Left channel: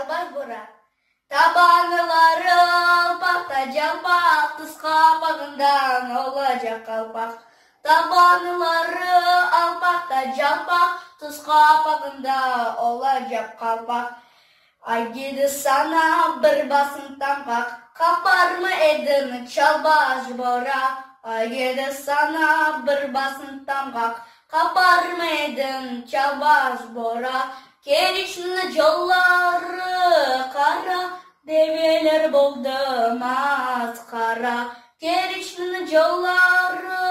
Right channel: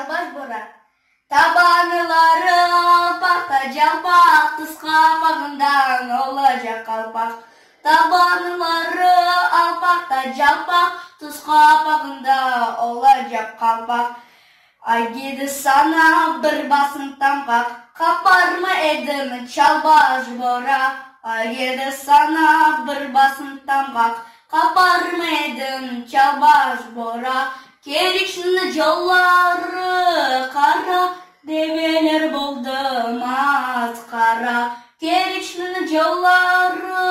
Албаш бора. Табанылары алпақта жалпақ, түс қапағындан олажақ қалпақ. Табанылары алпақта жалпақ, түс қапағында олажақ қалпақ. Айдеді сана бір басын тампақ, қапарма едім чалбаш бора. Айдеді сана бір басын тампақ, қапарма едім чалбаш бора. Керікшіні жоллары қара, девелер болды масқара. Керікшіні жоллары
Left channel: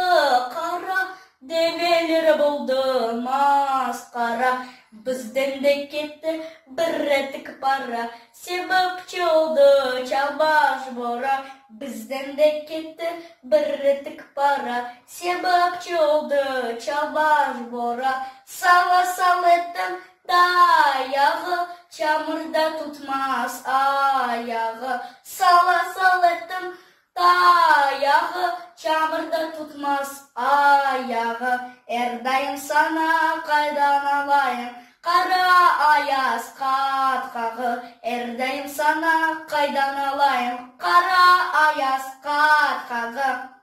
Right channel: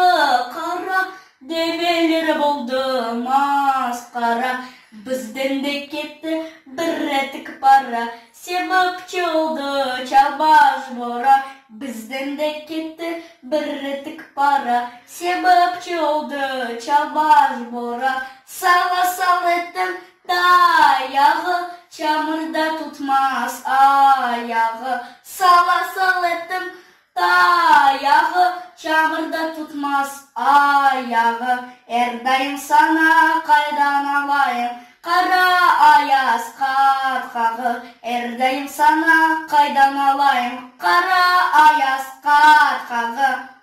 қара, девелер болды масқара. Бізден де кетті бір реттік пара, себепші oldu чалбаш бора. Бізден де кетті бір реттік пара, себепші oldu чалбаш бора. Сала сал еттім таяғы, çamurda tutmaz ayağı. Sala sal ettim dayağı, çamurda tutmaz ayağı. Erdayım sana kaydan alayım, kara ayaz katkağı. Erdayım sana kaydan alayım, kara ayaz katkağı.